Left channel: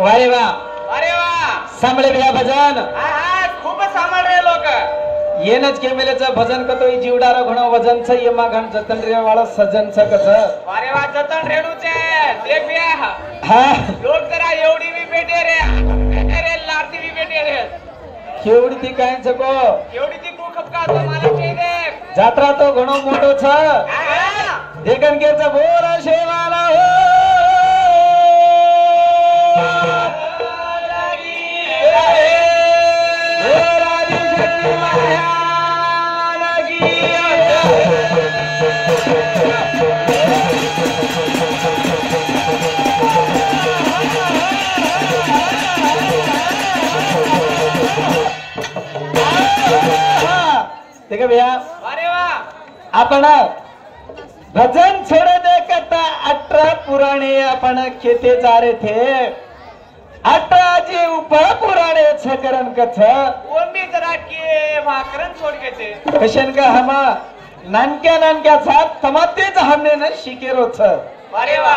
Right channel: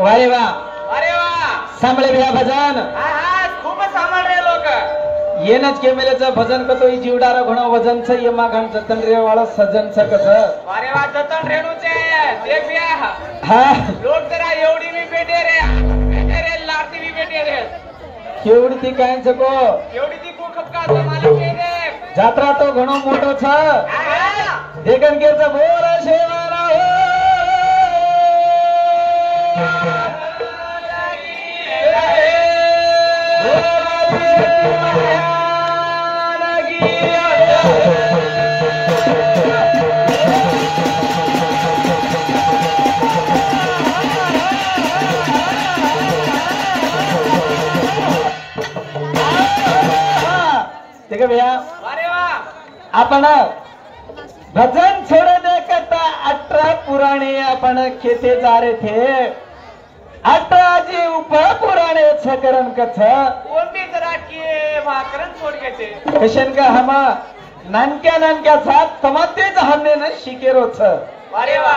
वारे वा सांभळे भ्या भजन खूप सांभाळ रे लोक येनच केमेलेचं भजन कतो जीवडारा घणो वजन छ यमा घण जतन रे वाला सजन छ कस अरे वा जतन रेणूचे ते प्या हा लोक जरा एवढी मी भेटे रे लाटी मी भेटे रे केवढी ती काय छको एवढी ती खूप का मला केले जात्रा तो घणो मोठो छ देखन केच बोरा शेवाला ठीक भैया आपण भजन छोड़ने करता 18 पुराणे आपण खेते जा रहे थे 18 जी उप पुराणे छकरन कथ कोणी जरा के माकरन छोड़ के कशन का हम नानक्या साथ तमातेच हमने न शिकेरो छ अरे वा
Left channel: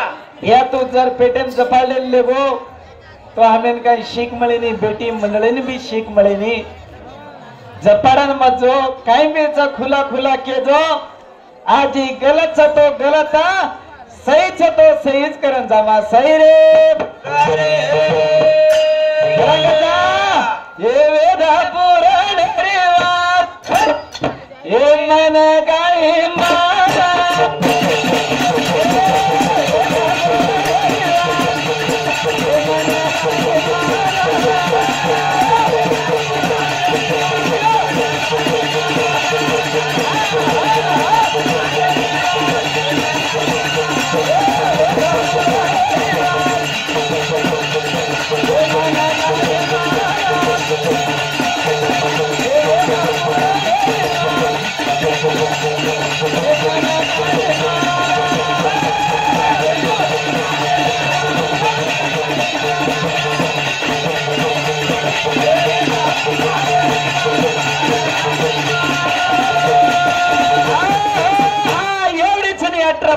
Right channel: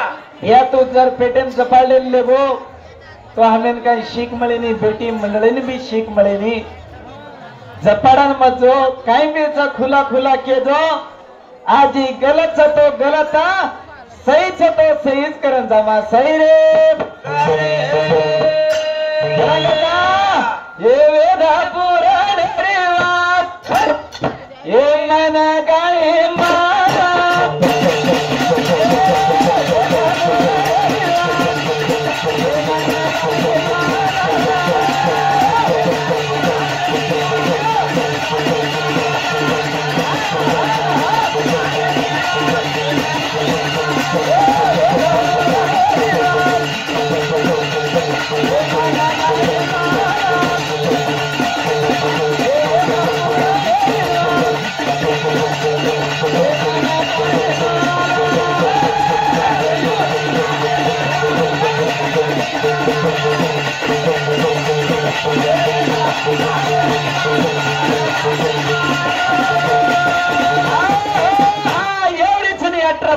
या तू जर पेटेम जपाले लेबो तो हमें काही शीख मळेनी बेटी मंडळीने भी शीख मळेनी जपाडन मजो काही मेचा खुला खुला केजो आज ही गलत छ तो गलत सही छ तो सहीच करन जामा सही रे ये वेदा पुराण रे वात ये मन गाय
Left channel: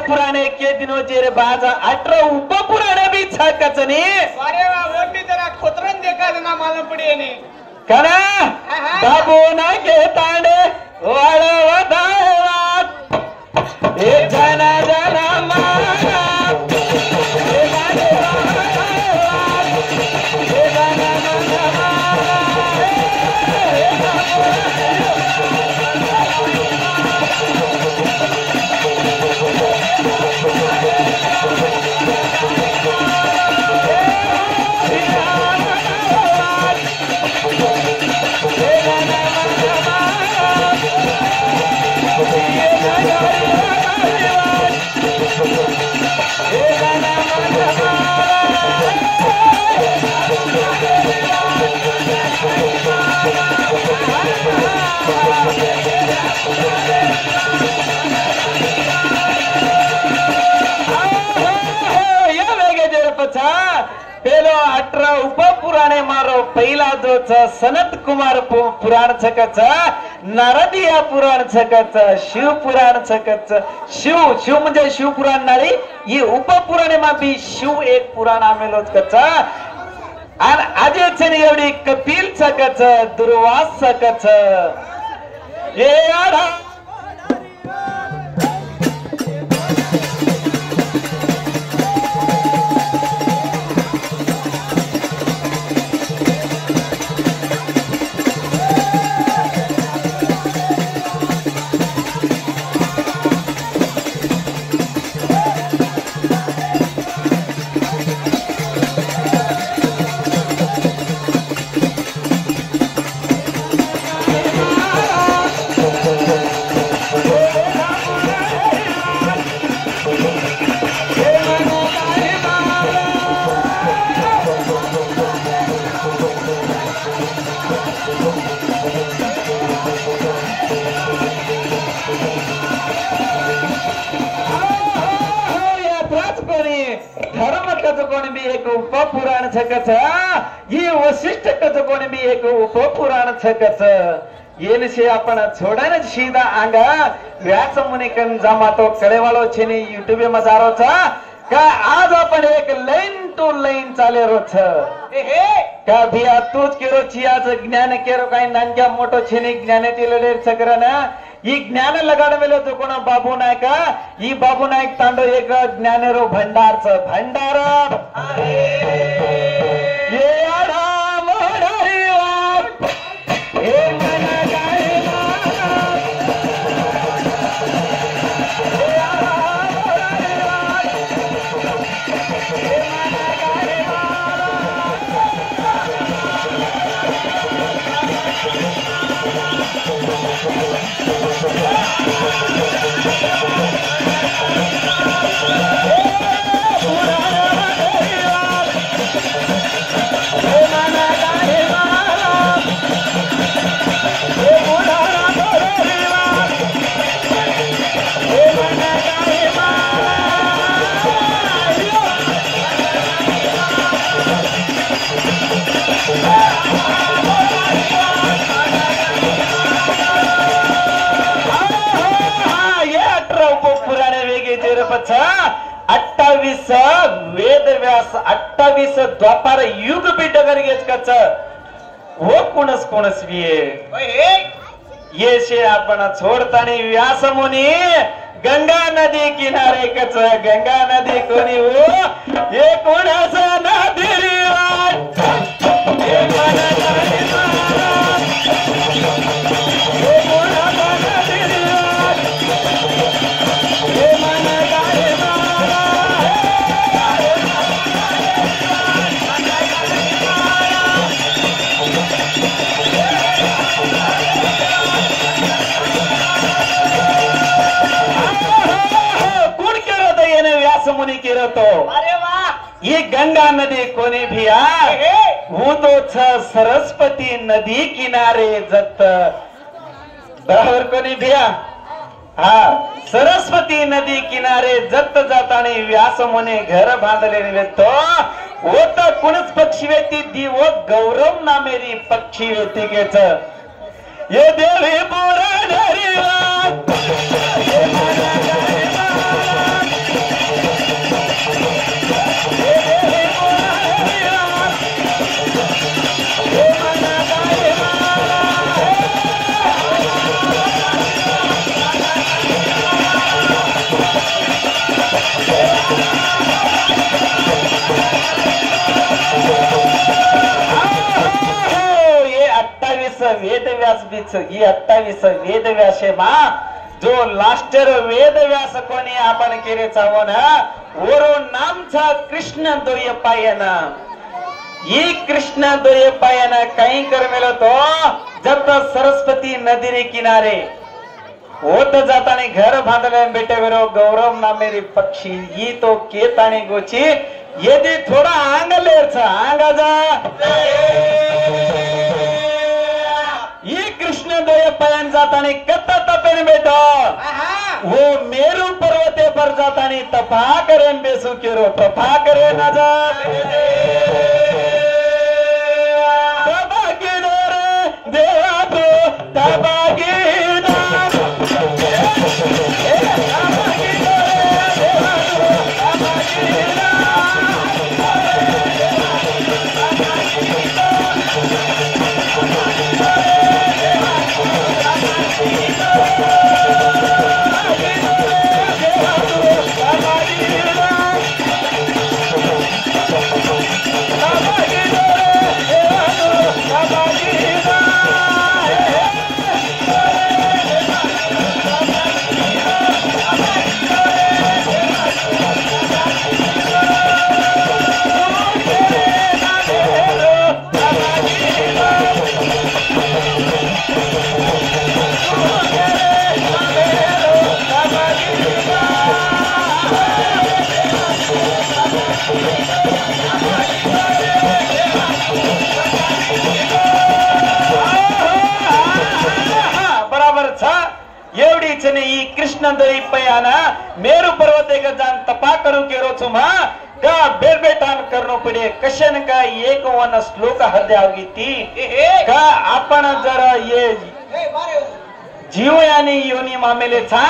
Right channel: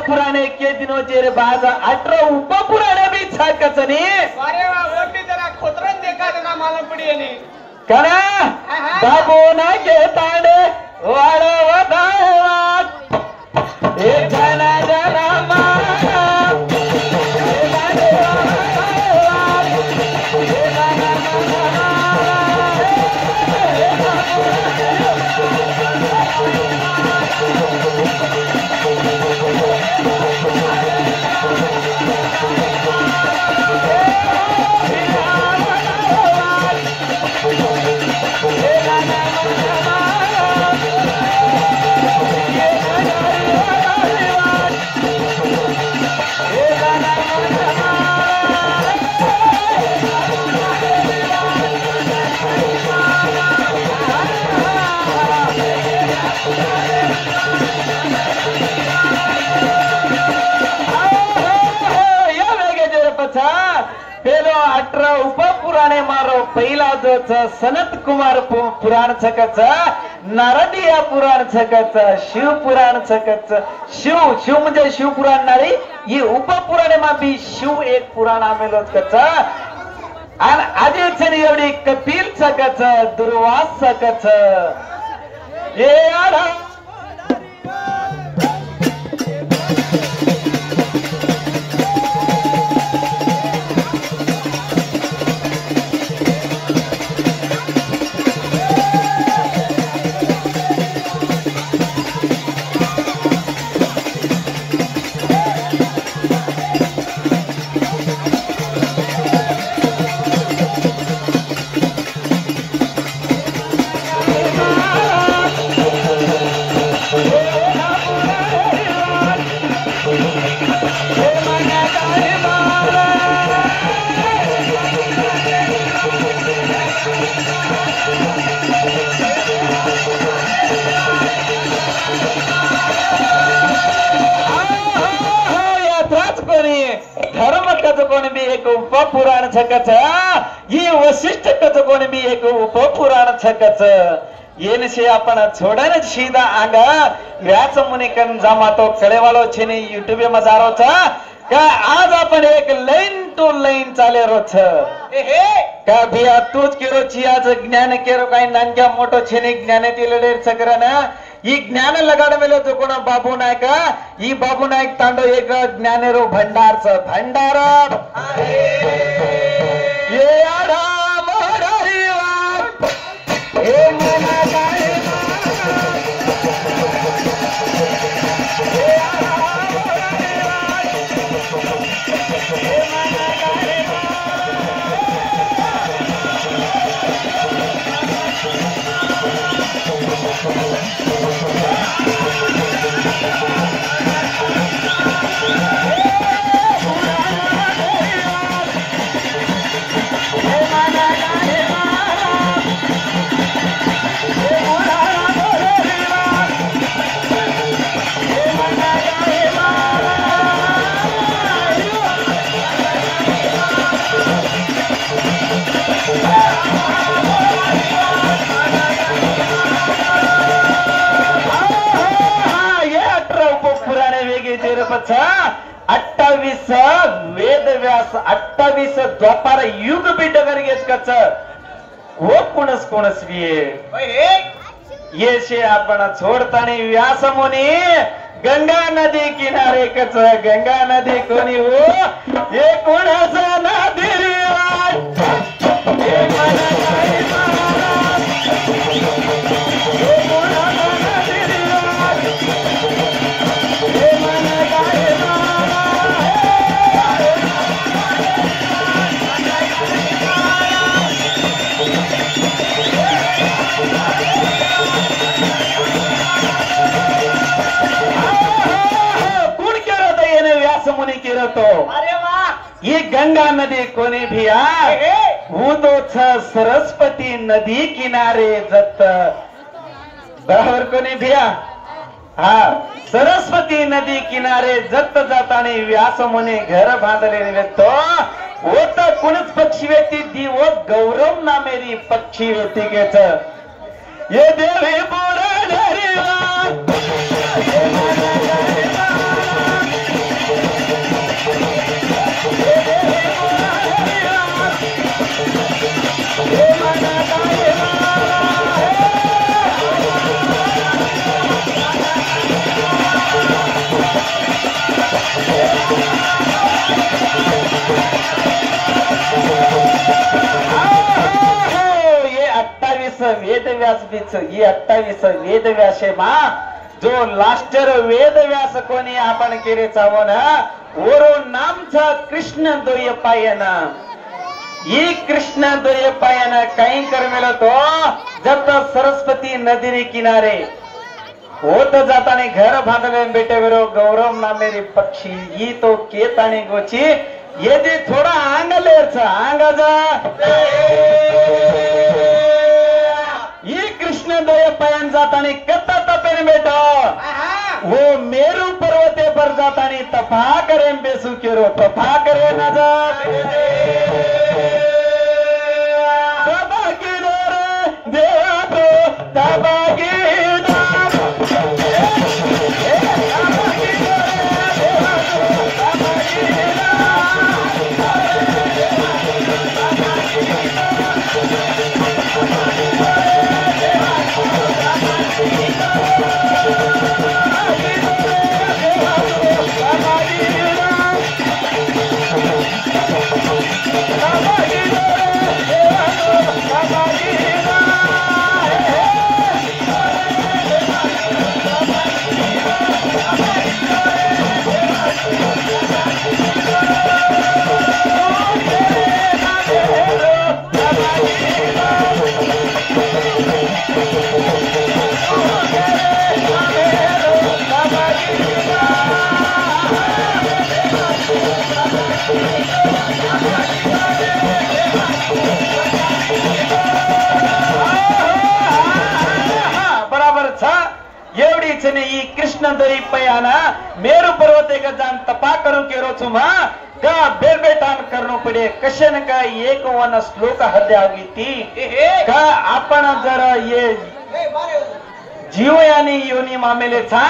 पुराणे के दिनों जेरे बाजा 18 उप पुराणे भी छकचनी अरे वा ओटी जरा खोतरन देखा ना मला पडी ने कणा बाबू ना के तांडे वाला वदावा ए जन जन मा पेलो 18 उप पुराणे मारो पहिला जो सनत कुमार पुराण छकच नारदिया पुराण छकच शिव पुराण छकच शिव म्हणजे शिव पुराण नारी ये उप पुराणे मा भी शिव एक पुराण आमेलो छकच आणि आजे छनी एवढी कपिल छकच दुर्वास छकच हे आरा धर्म कथ कोण भी एक उप पुराण छकच ये वशिष्ठ कथ कोण भी एक उप पुराण छकच येन से आपण छोडन सीधा आंग व्याच मुने कन जमा तो कडेवालो छेने यूट्यूब में जारो छ का आज आपण एक लाइन टू लाइन चाले रो छ का भिया तूच केरो चियाच ज्ञान केरो काय नानक्या मोठो छेने ज्ञान तिलडे सकरन ಈ ಜ್ಞಾನ ಲಗಾಡ ಮೇಲೆ ತಗೊಂಡ ಬಾಬು ನಾಯಕ ಈ ಬಾಬು ನಾಯಕ್ ತಾಂಡೋ ಏಕ ಜ್ಞಾನರೋ ಭಂಡಾರ ಸ ಭಂಡಾರ अठ्ठावीस वेदव्यास 28 द्वापार युग बिडगर गेचकाच हो कोणस कोणस ये शे आपण छोडतानी व्यास मुनी गंगा नदी किनारे कच गंगा नदी कोणी हो ये कोणाच नदी रे अरे वाह ये गंगा नदी कोणी भिया वो तो सरस्वती नदी किनारे जत बरोबर कोणी भिया हा सरस्वती नदी किनारे जत जाताना व्यास मुने घर बांधले तो वो तर कुणच पक्षी व्यक्ती दिवो गौरव नामेरी पक्षी व्यक्ती गेच ये देवी बोरा वेदव्यास बीच ही 28 वेदव्यास मा जो लास्टर वेदव्यास कोणी आपण केले चावण ओरो नामचा कृष्ण दोयपायन ही कृष्ण दोयपायन काही करमेलो तो जत सरस्वती नदी किनारे होत जाताने घर बांधले बेटे वेरो गौरव नामेरी पक्षी ही तो केतानी गोची यदि थोड़ा आंगले आंगा जा ये कृष्ण दोयपायन जातानी कत्ता तपेन बेटो वो मेरू पर्वते पर जातानी तपा करेन बेसू केरो तपा करे ना जा तबागीदार देवा तो तबागीदार कृष्ण दोयपायन मेरू पर्वते का जान तपा करू केरो छुमा का बेलबेटान करनो पडे कशन का एक वन श्लोक हद्या होगी ती का आपण जरा ये जीव याने योनी मामेलेचा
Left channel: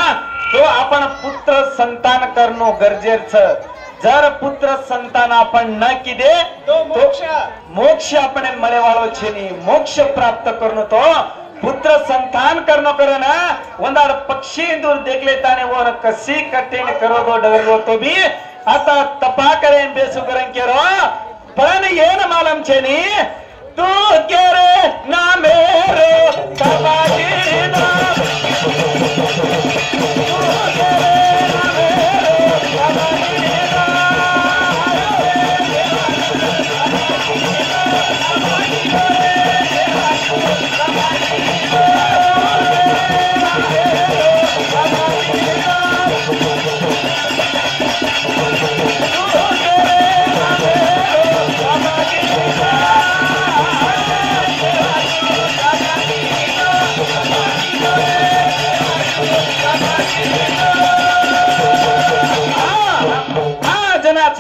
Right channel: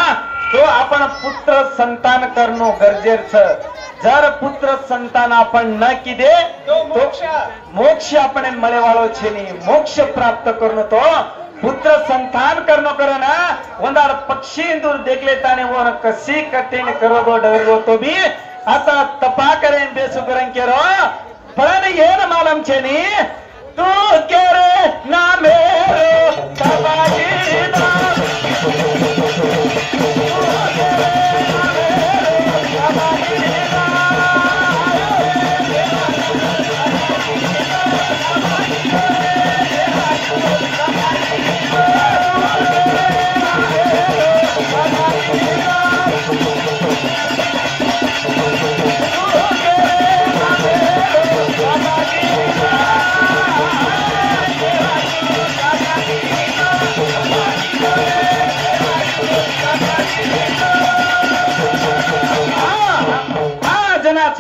तो आपण पुत्र संतान करणं गरजेचं जर पुत्र संतान आपण न किदे तो मोक्ष आपण मळेवाळो छेनी मोक्ष प्राप्त करणं तो पुत्र संतान करणं करो ना ಒಂದಾಡ पक्षी दूर देखले ताने वो कसी कठिन करोगो डरगो तो भी आता तपा करें बेसु करें केरो पण येन मालम छेनी तू केरे ना मेरो तबाजी ना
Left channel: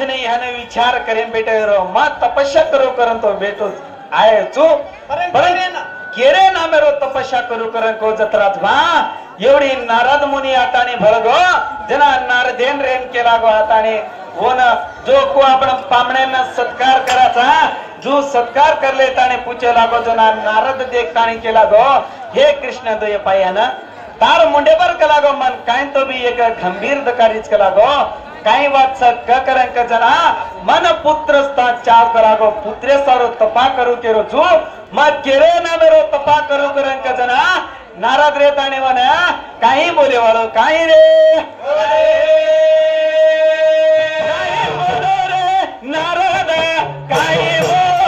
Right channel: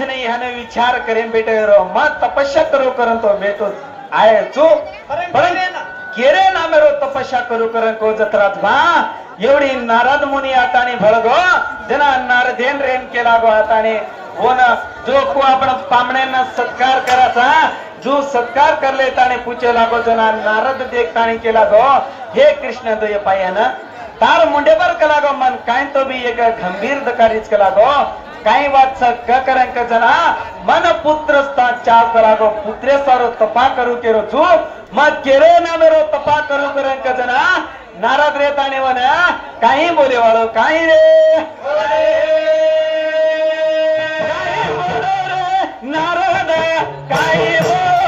नहीं हने विचार करेन बेटे रो मत तपस्या करो करन तो बेटो आए चो केरे ना मेरो तपस्या करू करन को जत्रात वा एवढी नारद मुनी आताने भळगो जना नारदेन रेन केला गो आताने होन जो को आपण पामण्याना सत्कार कराचा जो सत्कार करले ताने पूछे लागो जना नारद देख ताने केला गो हे कृष्ण दोय पायान तार मुंडे पर कला गो मन काय तो भी एक गंभीर दकारीच कला गो काही बात क करंक जना मन पुत्र स्था चार करागो पुत्रे सारो तपा करू केरो छु म केरे ना मेरो तपा करू करंक जना नारद रे ताने वना काही बोले वाळो काही रे नारद काही बोला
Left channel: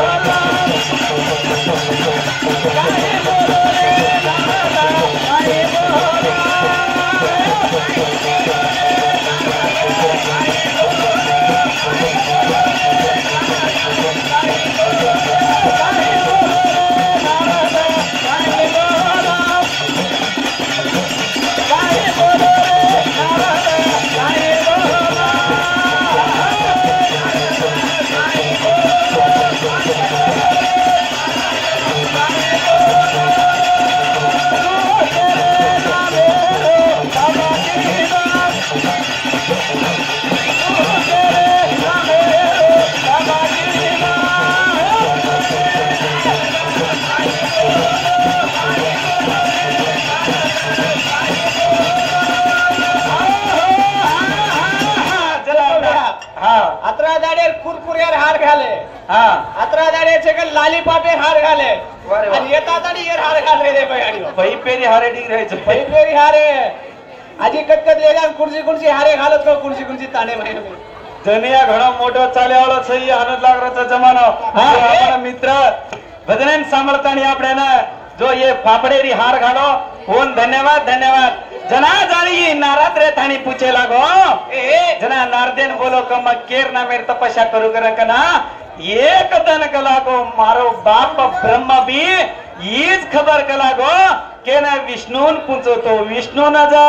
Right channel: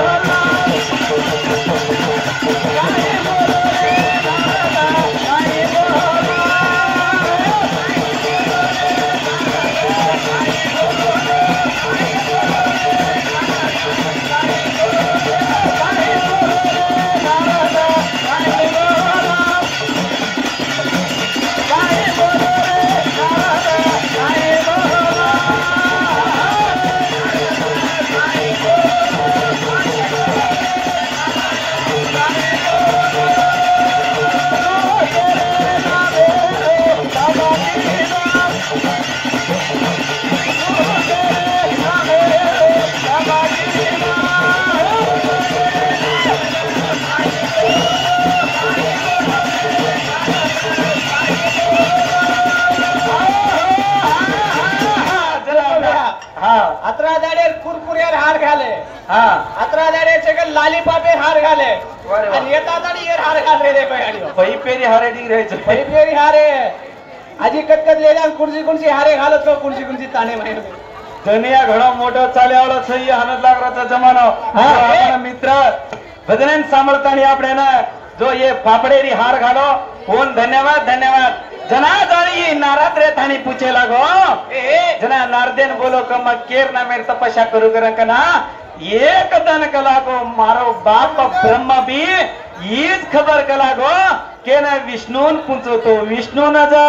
आजी कटकट लेला कुणसी कुणसी हारे घालत तो कुणसी कुणसी ताणे महिनो दुनिया घणो मोठो चालेवाळो सही हनद लागराचा जमानो आपण मित्र भजनन सांभळतानी आपल्याला जो ये फाफडेरी हार घालो होन धन्यवाद धन्यवाद जना जाणी नाराज रे थानी पूछे लागो जना नारदेन बोलो क म केर ना मेर तपस्या करू कर कना एक दन कलागो मारो बाप ब्रह्मा भी ईज खबर कलागो के ना विष्णून पूछतो विष्णू न जा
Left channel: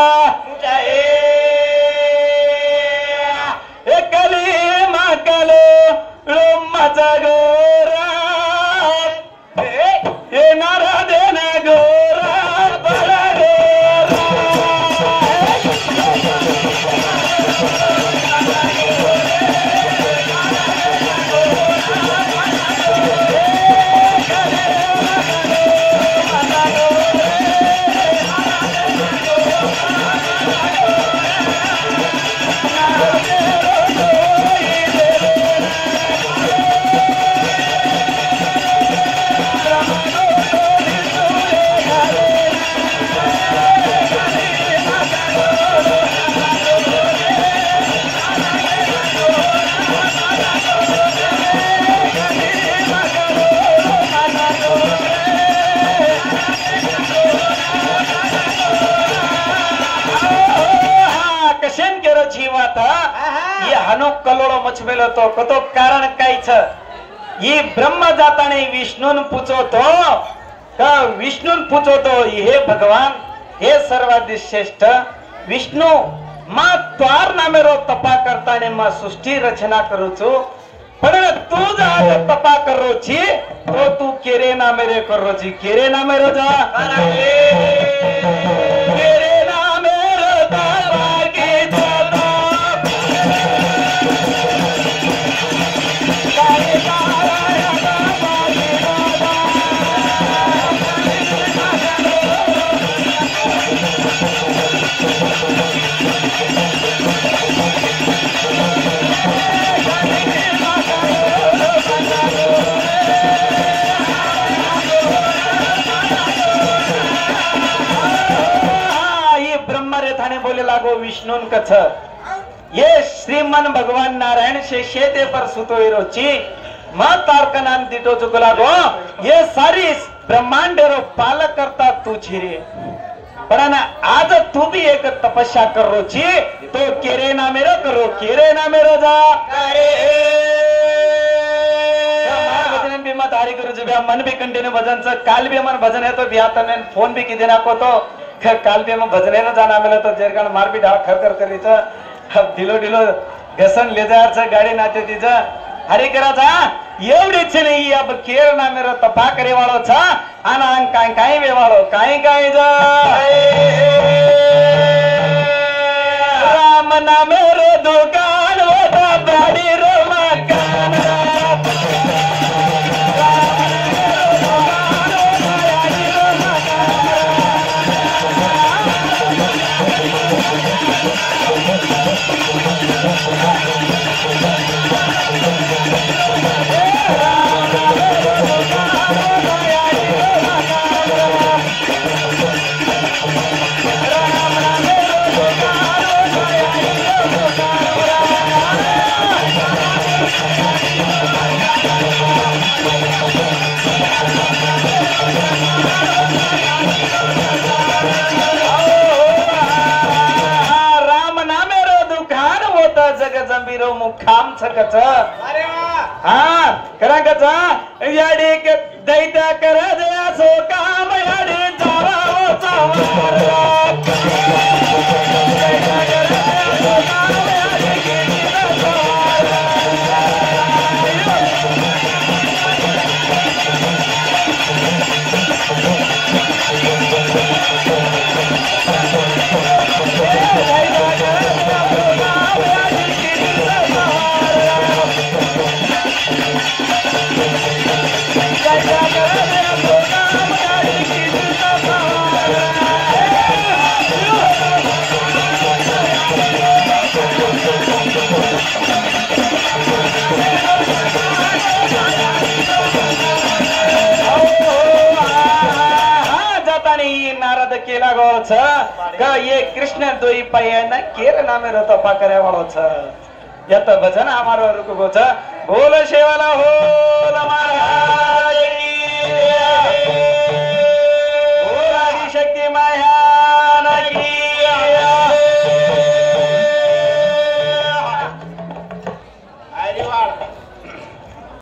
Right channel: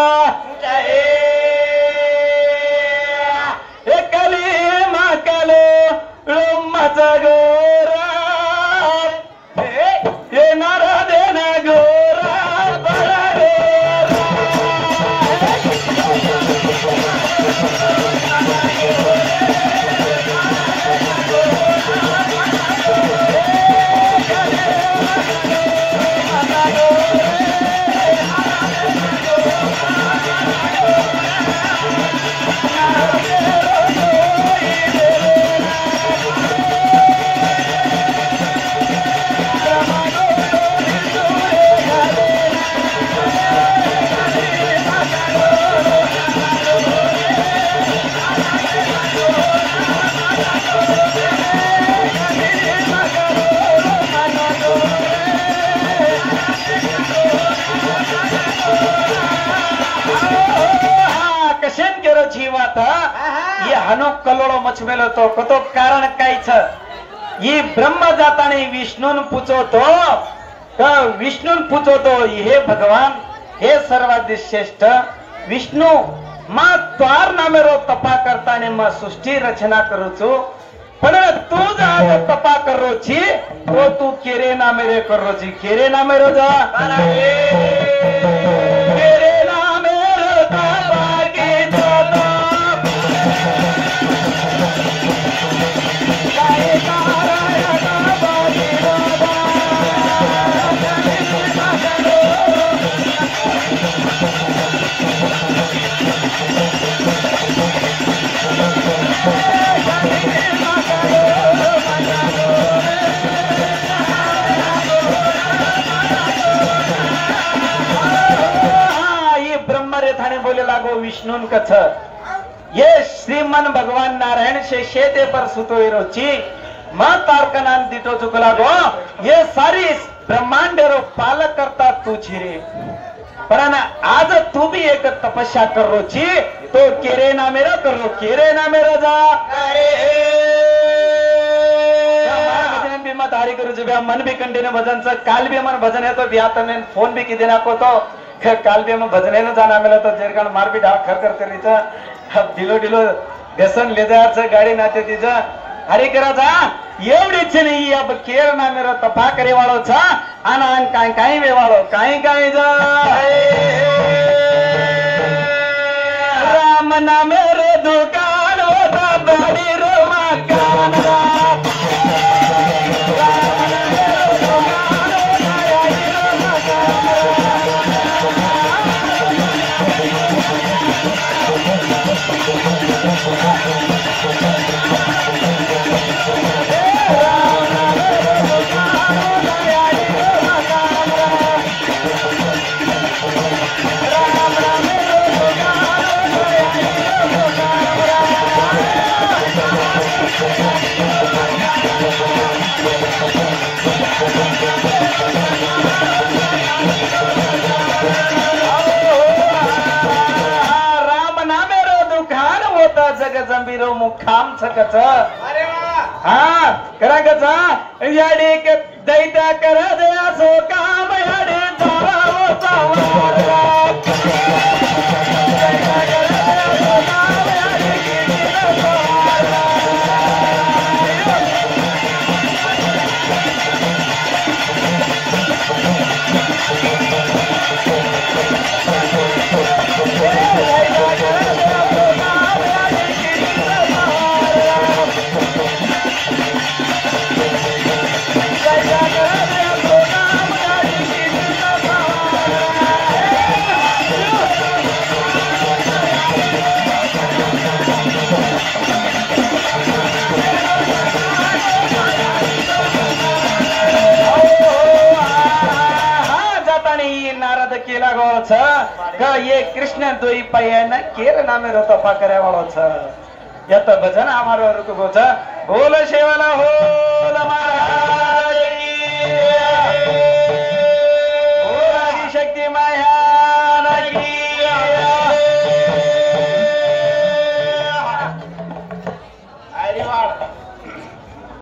एकली माकलो लोमाच गोरा ए नारदे ना गोरा कलोळो मचमेलो तो कतो कारण काय छ ये ब्रह्म जाताने विष्णून पूछतो का विष्णून पूछतो हे भगवान हे सर्वाधिक श्रेष्ठ विष्णु मा त्वार नामेरो तपा करताने मा सृष्टि रचना करू छु पण तू जा तपा करो छी तो तू केरे नामेरे करो छी केरे नामेरो जा छ ये श्रीमन भगवान नारायण से शेते पर सुतो इरोची मां तारकनान दिटो चुकला गो ये सारी ब्रह्मांड रो पालक करता तू छिरे पण आज तू भी एक तपस्या करो छी तो केरे ना मेरो करो केरे ना मेरो जा मत हारी करू जे मन भी कंटिन्यू भजन च काल भी मन भजन है तो बिया तने फोन भी किदे नाको तो काल भी हम भजन है ना जाना मेला तो जेरकण मार भी ढाळ खर करी छ अब ढिलो ढिलो व्यसन लेदार छ गाडी नाते तिच हरी कराचा एवढीच नाही अब केर ना मेरो तपा करे वाळो छ आना काय काय वे वाळो काय काय जा राम ना मेरो दुकान होता बाडी रो मकान जंबीरो मुखाम छकच अरे वाह हा करा कचा याडी के दैता करा दया सो काम याडी जोरावो चावा ये कृष्ण दोई पायन केर नामे रतो पकरे वालो छ यत भजन हमारो रुको छ बोल शेवाला हो